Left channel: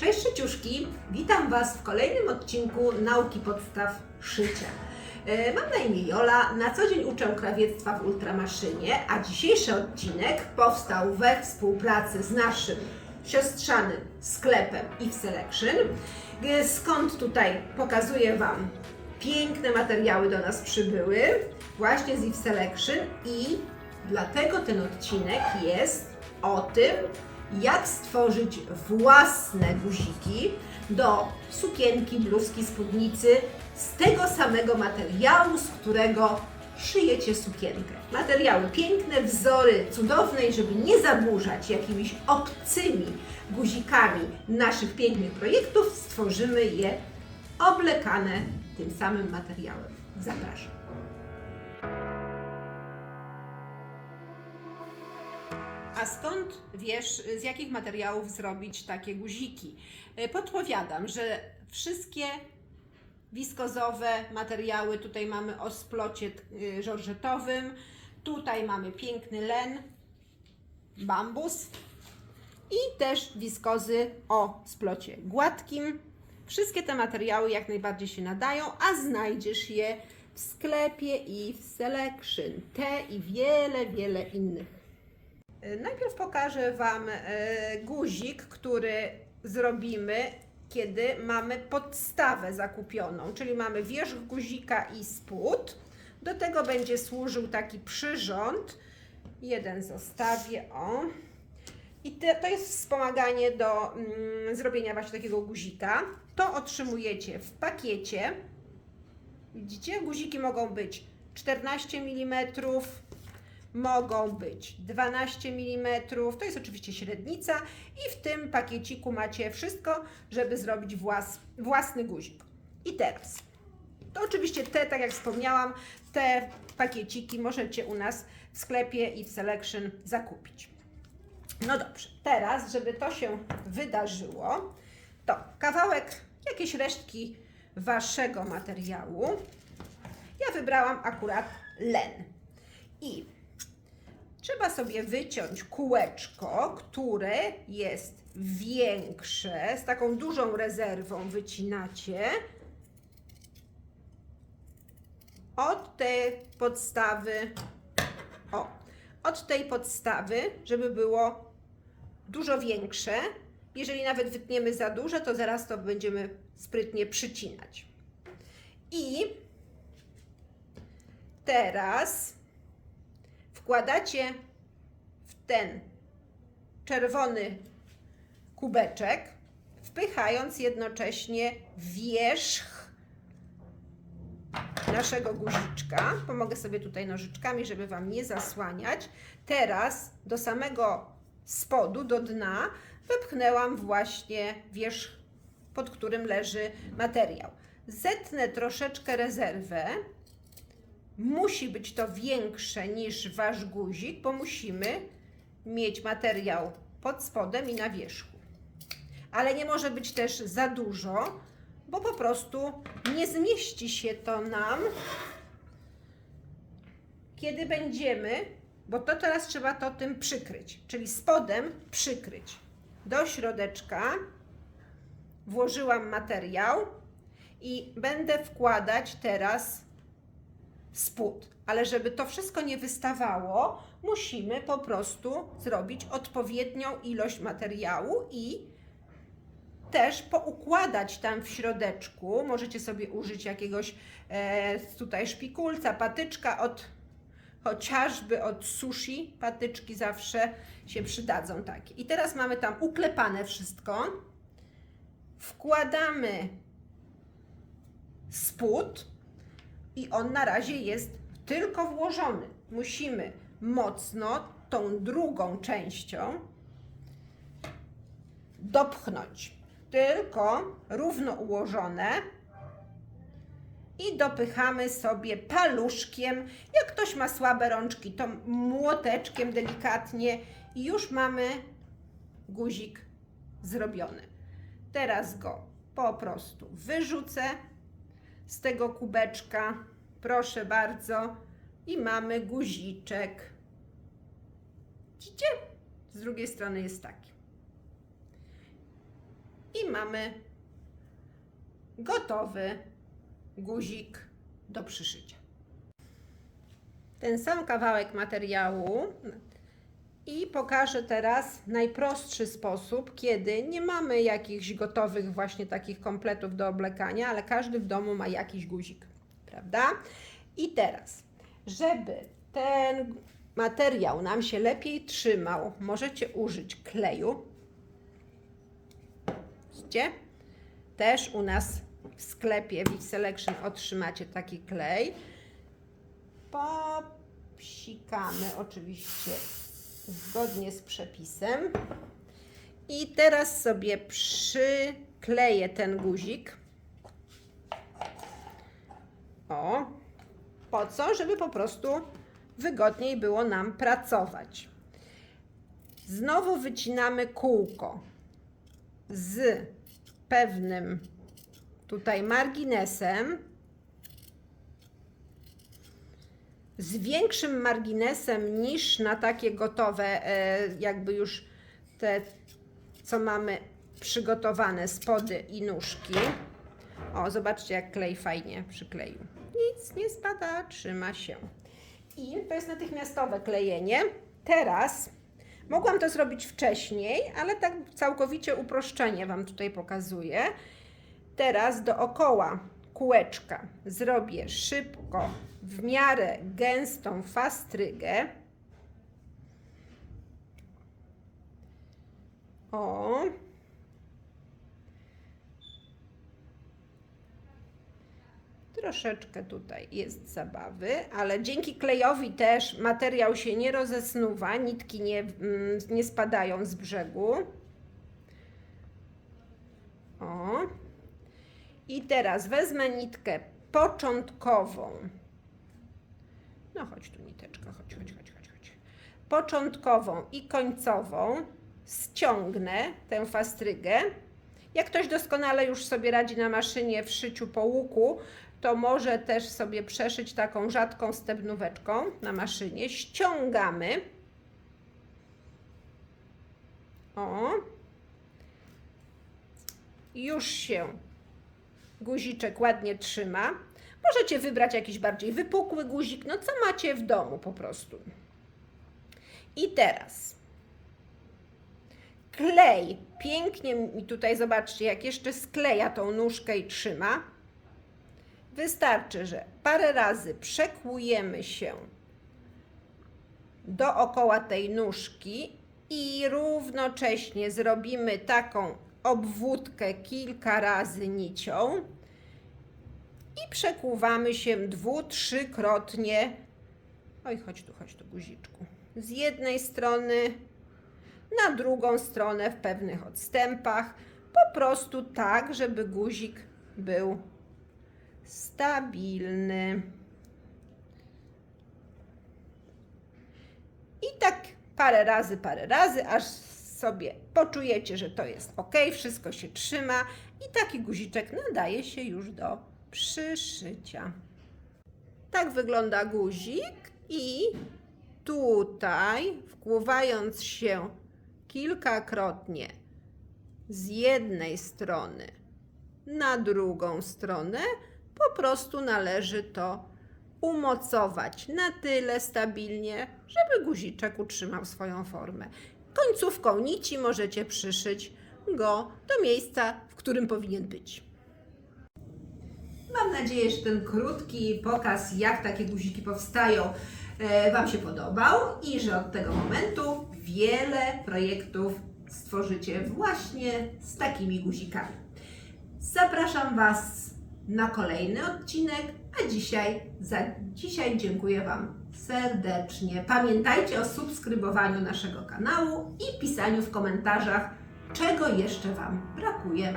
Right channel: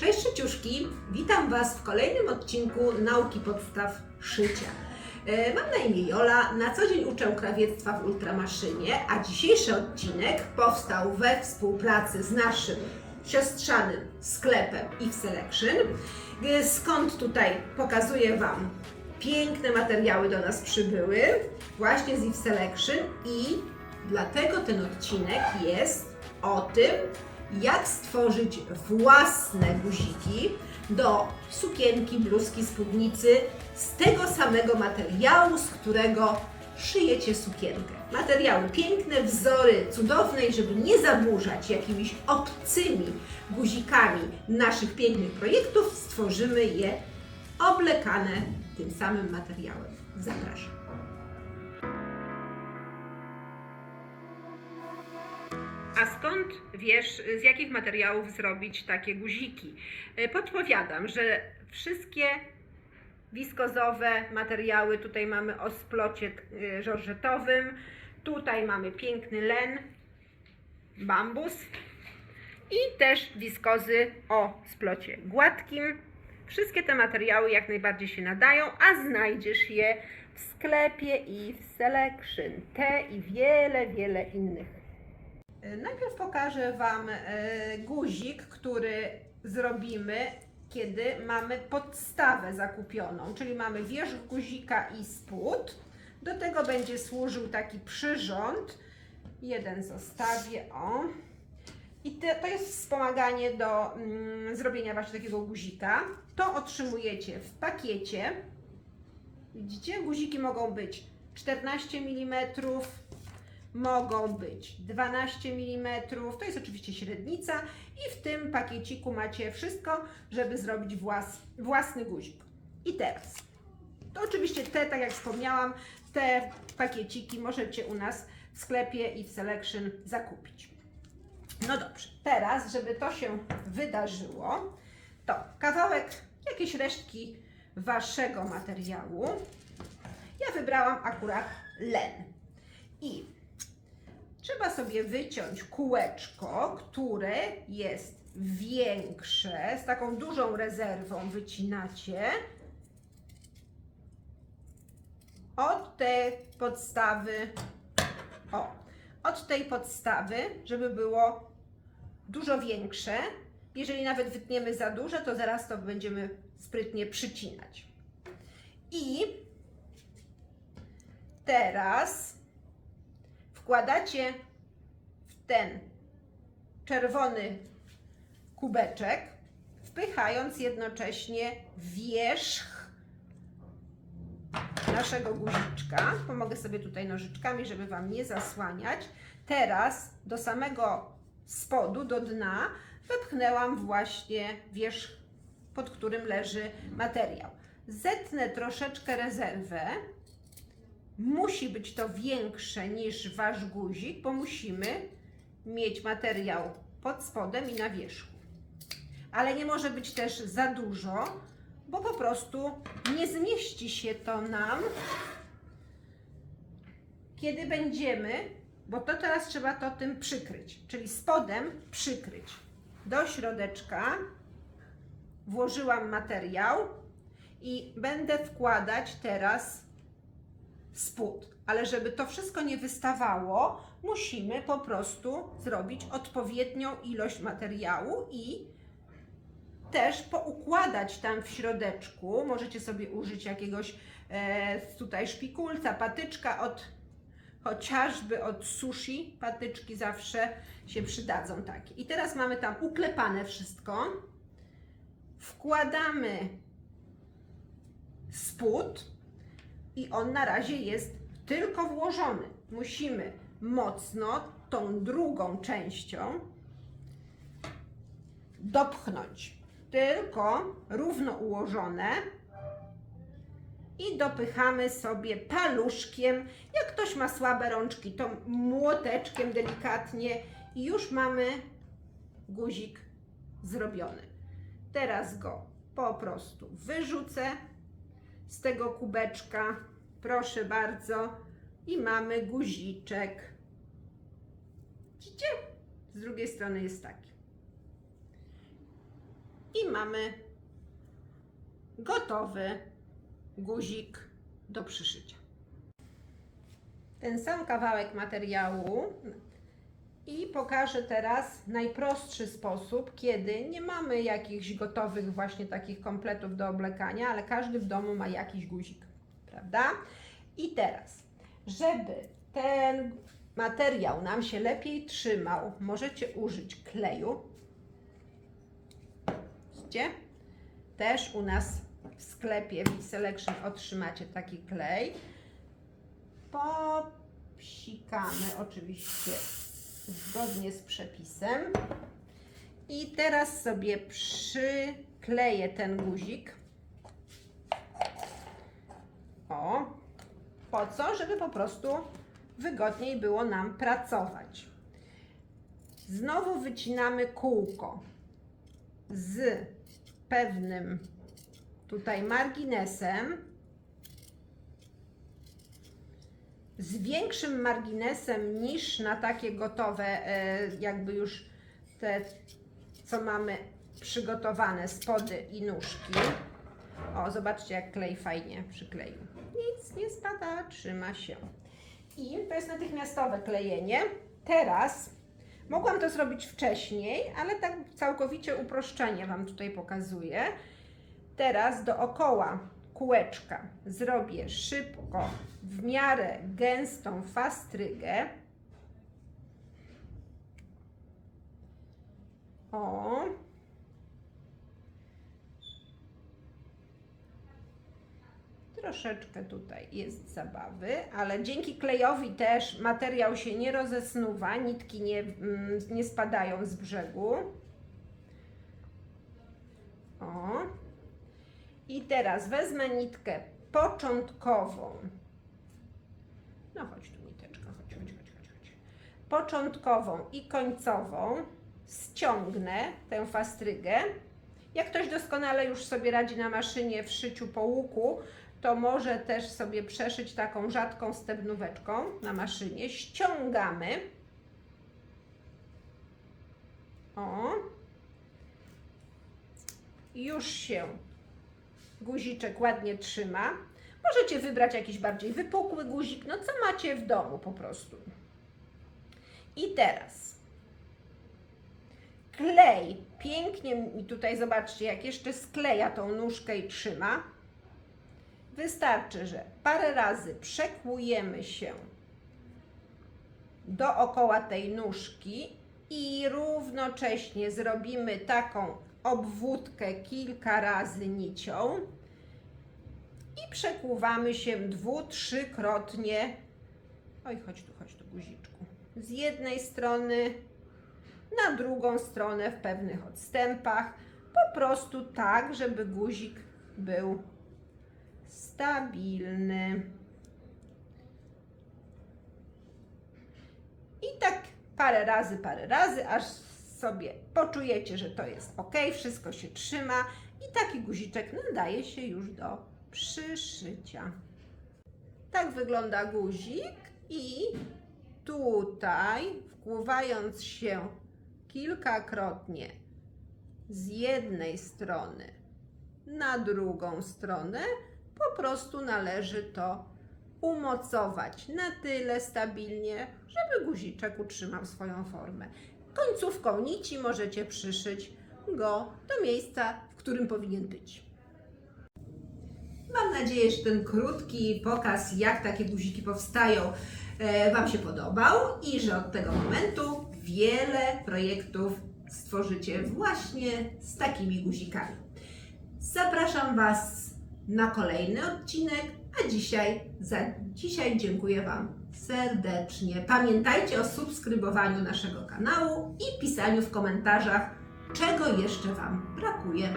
Cześć szyciuszki, witam Was w kolejnym odcinku Nauki Podstaw Szycia. E, Mam na imię Jola, na co dzień uczę krawiectwa w Ultramaszynie, a dzisiejszy odcinek powstał we współpracy z naszym siostrzanym sklepem Eve Selection, e, skąd tutaj pokazuję Wam piękne materiały do nas przybyły, właśnie z Eve Selection i dlatego ten odcinek jest o tym, jak stworzyć własne guziki do sukienki, bluzki, spódnicy z tego samego materiału, z którego szyjecie sukienkę. Materiały piękne, wzory cudowne i żeby nie zaburzać jakimiś obcymi guzikami naszych pięknych projektów, stworzymy je oblekane tym samym materiałem. Zapraszam. A skąd wiesz, z jakich materiałów zrobić takie guziki? E, Podpowiadam, że wszystkie wiskozowe materiały, tutaj mamy o splocie e, żorżetowym, tutaj mamy piękny len, bambus i też wiskozy o splocie gładkim. Wszystkie te materiały jak najbardziej się nadają, a znajdziesz je w sklepie i w Selection. Te i wiele, wiele innych. Najpierw pokażę Wam e, guzik, który zrobimy, kiedy mamy podstawę zakupioną, czyli mamy wierzch guzika i spód. Do tego będzie służył taki przyrząd. Jeden zostawię, o. I te, to jest wspomaganie do mm, zrobienia właśnie takiego guzika. To otrzymujecie w pakiecie. Widzicie, guziki mogą być 14 mm, mogą być 12 mm, to jest oczywiście średnica i w tym pakieciku macie wszystko, żeby zrobić włas, własny guzik. I teraz, to oczywiście te, tak jak wspomniałam, te pakieciki możecie u nas w sklepie i w Selection zakupić. No dobrze, teraz, żeby to się wydarzyło, to kawałek, jakieś resztki waszego materiału. Ja wybrałam akurat len. I trzeba sobie wyciąć kółeczko, które jest większe, z taką dużą rezerwą wycinacie od tej podstawy, o, od tej podstawy, żeby było dużo większe. Jeżeli nawet wytniemy za duże, to zaraz to będziemy sprytnie przycinać. I teraz wkładacie w ten czerwony kubeczek, wpychając jednocześnie wierzch naszego guziczka. Pomogę sobie tutaj nożyczkami, żeby Wam nie zasłaniać. Teraz do samego spodu, do dna wepchnęłam właśnie wierzch, pod którym leży materiał. Zetnę troszeczkę rezerwę. Musi być to większe niż Wasz guzik, bo musimy mieć materiał pod spodem i na wierzchu. Ale nie może być też za dużo, bo po prostu nie zmieści się to nam, kiedy będziemy, bo to teraz trzeba to tym przykryć, czyli spodem przykryć. Do środeczka włożyłam materiał i będę wkładać teraz spód. Ale żeby to wszystko nie wystawało, musimy po prostu zrobić odpowiednią ilość materiału i też poukładać tam w środeczku. Możecie sobie użyć jakiegoś e, tutaj szpikulca, patyczka od chociażby od sushi. Patyczki zawsze się przydadzą takie. I teraz mamy tam uklepane wszystko. Wkładamy spód i on na razie jest tylko włożony. Musimy mocno tą drugą częścią dopchnąć. Tylko równo ułożone i dopychamy sobie paluszkiem. Jak ktoś ma słabe rączki, to młoteczkiem delikatnie i już mamy guzik zrobiony. Teraz go po prostu wyrzucę z tego kubeczka. Proszę bardzo. I mamy guziczek. Widzicie? Z drugiej strony jest taki. I mamy gotowy guzik do przyszycia. Ten sam kawałek materiału i pokażę teraz najprostszy sposób, kiedy nie mamy jakichś gotowych właśnie takich kompletów do oblekania, ale każdy w domu ma jakiś guzik, prawda? I teraz, żeby ten materiał nam się lepiej trzymał, możecie użyć kleju. Widzicie? Też u nas w sklepie w Selection otrzymacie taki klej. Popsikamy oczywiście zgodnie z przepisem. I teraz sobie przykleję ten guzik. O, po co? Żeby po prostu wygodniej było nam pracować. Znowu wycinamy kółko z pewnym tutaj marginesem, z większym marginesem niż na takie gotowe, e, jakby już te, co mamy przygotowane spody i nóżki. O, zobaczcie, jak klej fajnie przykleił. Nic nie spada, trzyma się. I to jest natychmiastowe klejenie. Teraz mogłam to zrobić wcześniej, ale tak całkowicie uproszczenie Wam tutaj pokazuję. Teraz dookoła kółeczka zrobię szybko, w miarę gęstą fastrygę. O. Troszeczkę tutaj jest zabawy, ale dzięki klejowi też materiał się nie rozesnuwa, nitki nie, mm, nie spadają z brzegu. O. I teraz wezmę nitkę początkową. No chodź tu niteczka, chodź, chodź, chodź, chodź, chodź. Początkową i końcową ściągnę tę fastrygę. Jak ktoś doskonale już sobie radzi na maszynie w szyciu po łuku, to może też sobie przeszyć taką rzadką stebnóweczką na maszynie. Ściągamy. O. Już się guziczek ładnie trzyma. Możecie wybrać jakiś bardziej wypukły guzik, no co macie w domu po prostu. I teraz klej pięknie mi tutaj zobaczcie, jak jeszcze skleja tą nóżkę i trzyma. Wystarczy, że parę razy przekłujemy się dookoła tej nóżki i równocześnie zrobimy taką obwódkę kilka razy nicią i przekłuwamy się dwu, trzykrotnie. Oj, chodź tu, chodź tu, guziczku. Z jednej strony na drugą stronę w pewnych odstępach. Po prostu tak, żeby guzik był stabilny. I tak parę razy, parę razy, aż sobie poczujecie, że to jest ok, wszystko się trzyma i taki guziczek nadaje się już do przyszycia. Tak wygląda guzik i tutaj wkłuwając się kilkakrotnie z jednej strony na drugą stronę, po prostu należy to umocować na tyle stabilnie, żeby guziczek utrzymał swoją formę. Końcówką nici możecie przyszyć go do miejsca, w którym powinien być. Mam nadzieję, że ten krótki pokaz, jak takie guziki powstają, e, Wam się podobał i że od tego momentu wiele projektów stworzycie właśnie z takimi guzikami. Zapraszam Was na kolejny odcinek, a dzisiaj za dzisiaj dziękuję Wam serdecznie. Pamiętajcie o subskrybowaniu naszego kanału i pisaniu w komentarzach, czego jeszcze Wam brakuje.